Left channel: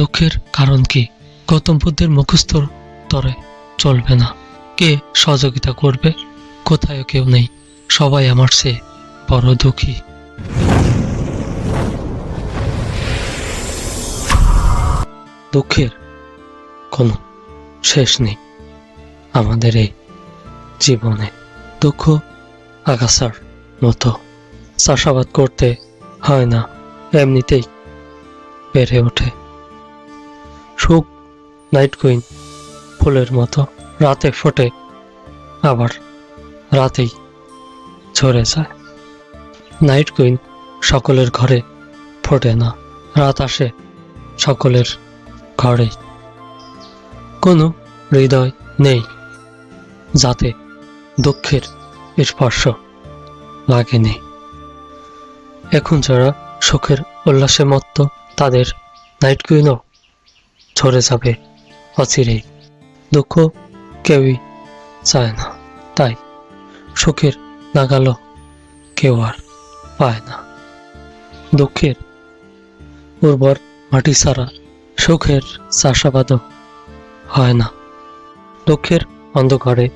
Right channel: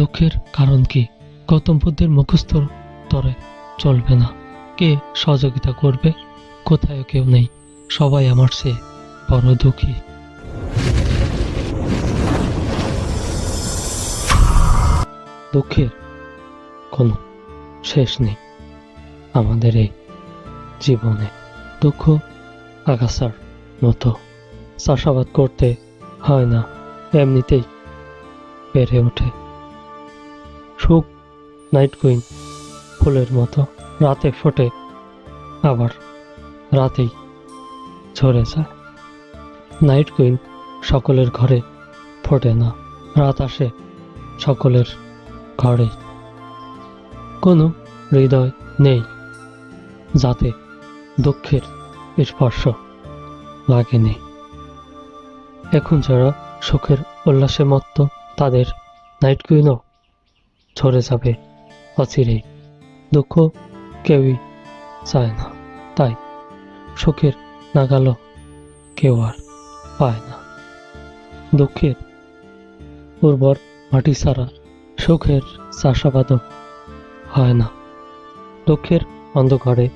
দুঃখের কারণ কি? গৌতম বুদ্ধের মুখস্থ তরে চলবে না। কে সহযোগিতা করবে? কোথায় কেউ নেই, সবাই আমার চেয়ে বড় দুঃখী। দুঃখের কোনো শেষ নেই আমাদের এই জীবনে। দুঃখ আগাছার মতো, চাষাবাদ করতে হয় না, এমনিতেই বেড়ে ওঠে। সুখ নাইট কুইন ফুলের মতো, রাতে ফোটে আবার রাতেই ঝরে যায়। নাইট কুইন সকলের ঘরে ফোটে না, রাত আসে সকলের ঘরেই। কোনো হৃদয় নেই যাতে দুঃখের স্পর্শ লাগেনি। এখন যারা সুখের উল্লাসে মত্ত, তাদের নাইট কুইনও ঝরে যাবে অচিরেই। দুঃখ কেউই চায় না, তাই সুখের নাগালও কেউ আর পায় না। দুঃখের উর্বর মাটি ছাড়া সুখের চাষাবাদও হয় না। দুঃখের অন্ধকারে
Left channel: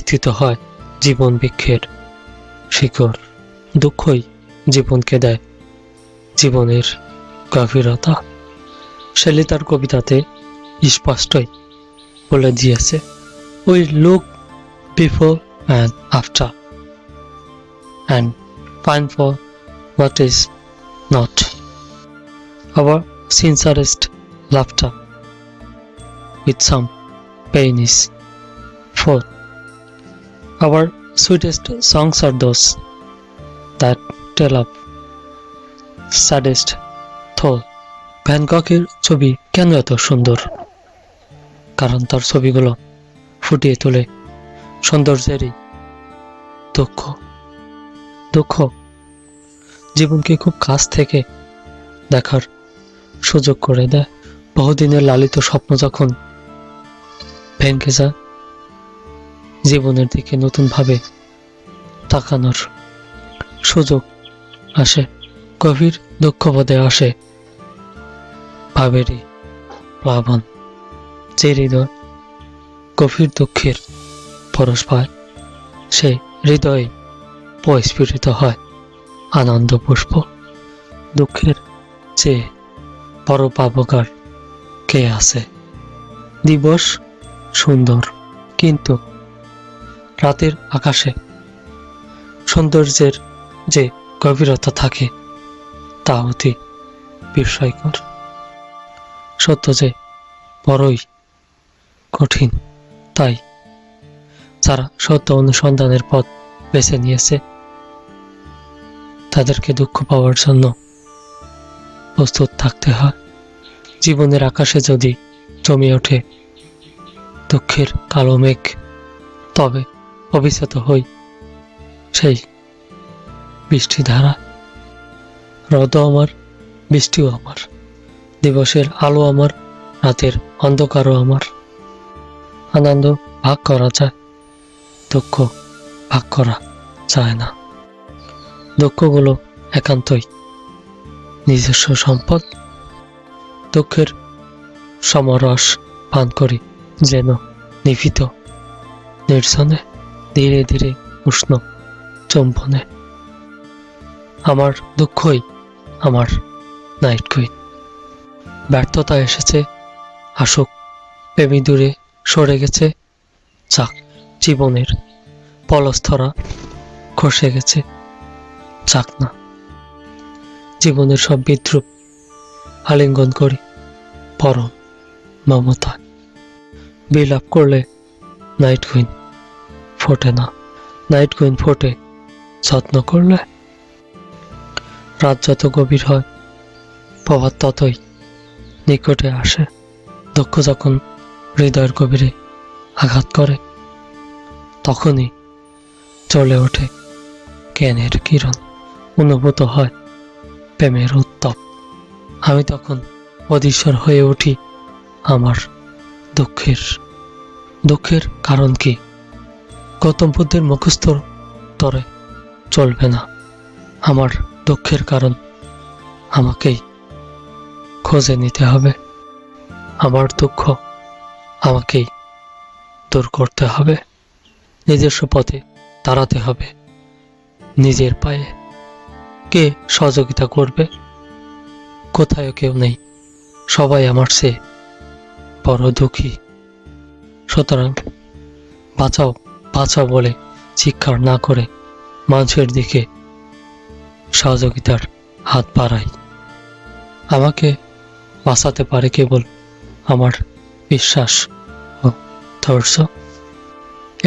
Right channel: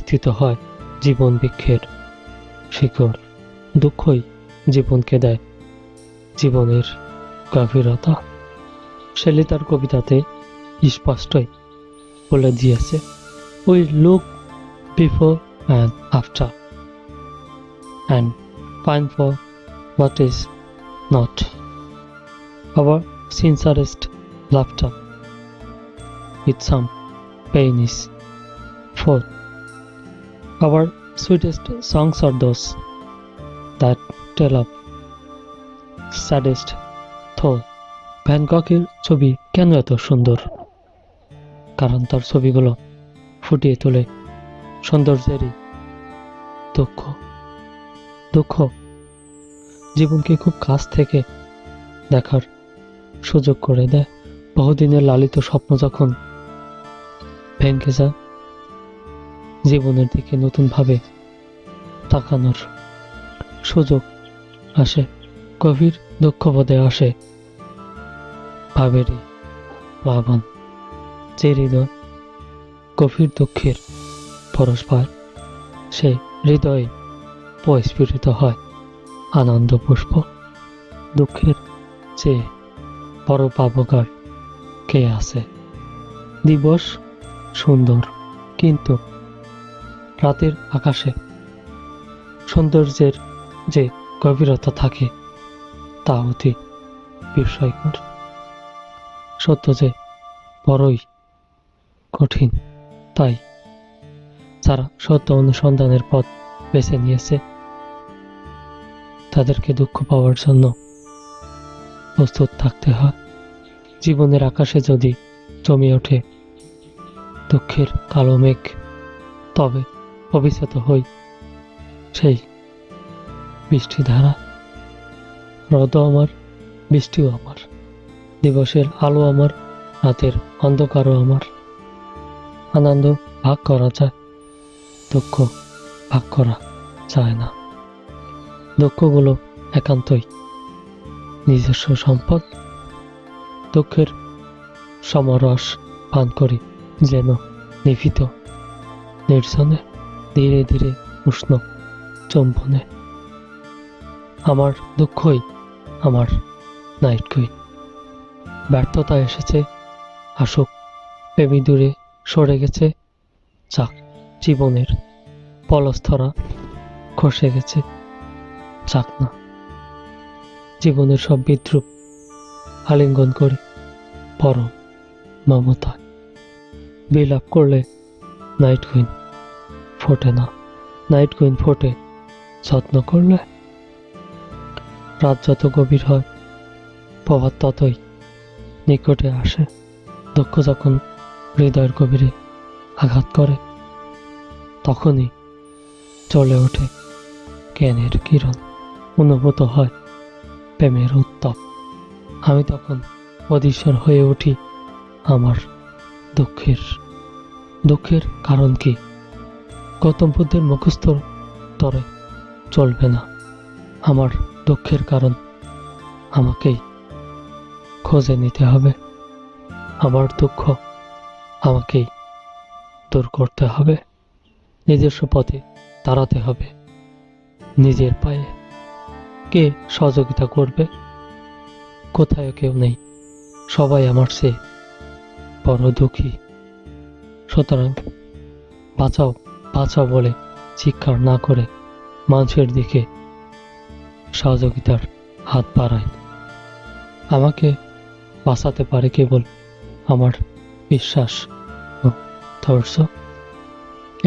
স্থিত হয় জীবন বৃক্ষের শিকড়। দুঃখই জীবনকে দেয় জীবনের গভীরতা। শেলি তার কবিতাতে স্পষ্টই বলে দিয়েছে, we look before and after and find for what is not. Our sincerest laughter with some pain is for. Our sweetest songs are those that tell of saddest thought. Van গগের ছবি কেন এত সুন্দর? কারণ তার ছবিগুলো ফুটিয়ে তোলে সৌন্দর্যেরই দুঃখ। দুঃখ জীবনকে খুব কাছ থেকে দেখার সুযোগ করে দেয়। বহুদিনের লালিত স্বপ্ন যখন ভেঙে যায়, জীবনের দিকে নতুনভাবে তাকানোর সুযোগ আসে। গভীর দুঃখবোধে আসে ভাবেরই প্লাবন। যে হৃদয় গভীর দুঃখের পরশ পায়, সেই হৃদয়ে প্রস্ফুটিত হয় আনন্দ পুষ্প। দুঃখের চেয়ে বড় পাবকার কে আছে? দিবস সুন্দর, কিন্তু রাতের আকাশে সৌন্দর্যের যে গভীরতা থাকে তা অতি বিস্ময়কর। সত্য যে বড়ই কঠিন, তাই যারা সত্য অনুসন্ধানের পথ বেছে নিয়েছে তাদেরকে দুঃখ পাওয়ার জন্য প্রস্তুত থাকতে হয়। জীবনের আকাশে যদি জমে ওঠে দুঃখের কালো মেঘ, তবে অভিশাত হই সেই বৃষ্টি ধারা। রোদও আমার, বৃষ্টিও আমার, দিবসের আলো আমার, রাতের অন্ধকারও আমার। আনন্দ ভাগ করা যায়, দুঃখ ভাগ করা যায় না। দুঃখগুলো একান্তই নিজস্ব সম্পদ। দুঃখের সমরস পান করি যেন নিভৃত নির্জনে, ধীরে ধীরে উষ্ণ চুম্বনে। আমার দুঃখই আমার নাইট কুইন। ব্যর্থতা এসেছে, আসুক, প্রেমী দূরে সরে গেছে, যাক, জীবনের পলস্তরা খসে গেছে, যাক না। জীবনের সব বিদ্রুপ আলিঙ্গন করি পরম মমতায়। বিলাপ করলে নাইট কুইন ফোটে না, নাইট কুইন ফোটে যত্ন করলে। রাত যত গভীর হয় প্রভাত ততই নিকটে আসে। দুঃখ যখন হৃদয়ের গভীরে আঘাত করে, তখনই জ্বলে ওঠে জ্ঞানের কিরণ, অনুভূত হয় প্রেমের উত্তাপ। আমি তখন অধীশ্বর হয়ে উঠি আমার দুঃখের। দুঃখের কারণ কি? গৌতম বুদ্ধের মুখস্থ তরে চলবে না। আমার দুঃখের কারণ আমাকেই খুঁজে নিতে হবে। আমার দুঃখ আমাকেই দূর করতে হবে। নিজস্ব পথে দাঁড়াতে হবে, নিজের পায়ে। কে সহযোগিতা করবে? কোথায় কেউ নেই, সবাই আমার চেয়ে বড় দুঃখী। সুতরাং বাঁচাও বাঁচাও বলে চিৎকার না করে মানুষের দিকে সহযোগিতার হাত বাড়াই। আমাকে বাঁচাতে পারে কেবল আমার বিশ্বাস ও ধৈর্য।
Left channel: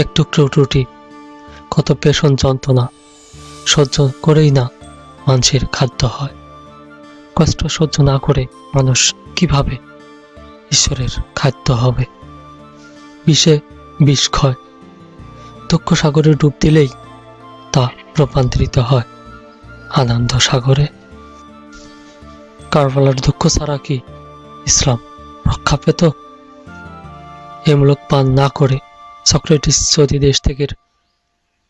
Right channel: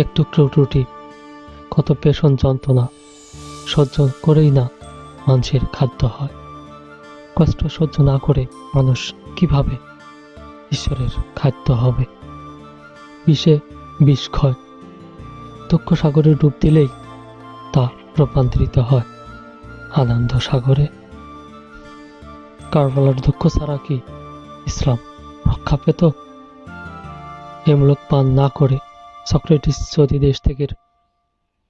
একটু ত্রুটি, কত পেশন যন্ত্রণা সহ্য করেই না মানুষের খাদ্য হয়। কষ্ট সহ্য না করে মানুষ কিভাবে ঈশ্বরের খাদ্য হবে? বিষে বিষ ক্ষয়, দুঃখ সাগরে ডুব দিলেই তা রূপান্তরিত হয় আনন্দ সাগরে। কারবালার দুঃখ ছাড়া কি ইসলাম রক্ষা পেত? এমূলক পান না করে সক্রেটিস যদি দেশ থেকে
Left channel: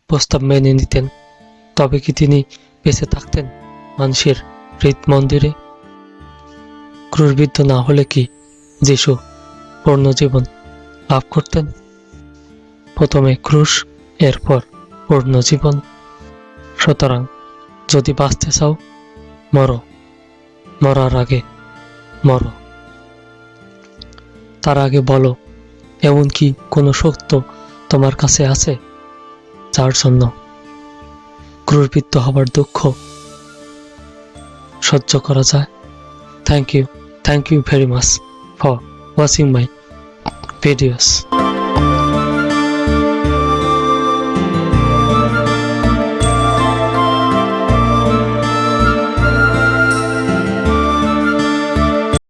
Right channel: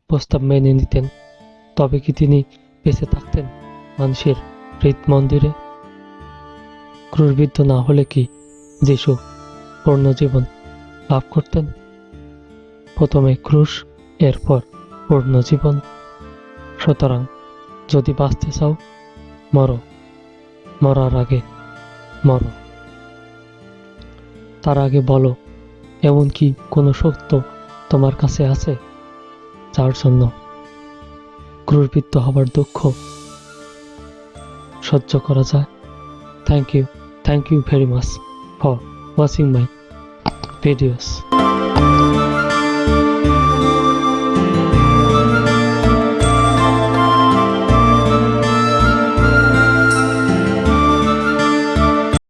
প্রস্তাব মেনে নিতেন, তবে কি তিনি বেঁচে থাকতেন মানুষের হৃদ মন্দিরে? ক্রুশবিদ্ধ না হলে কি যিশু পূর্ণ জীবন লাভ করতেন? প্রথমে ক্রুশ, এরপর পূর্ণ জীবন। সুতরাং যদি বাঁচতে চাও, মরো, মরার আগে মরো। তার আগে বলো, এমন কি কোনো সত্য তোমার কাছে আছে যার জন্য ক্রুশবিদ্ধ হবার দুঃখ সহ্য করা যায়? Thank you very much for watching my videos.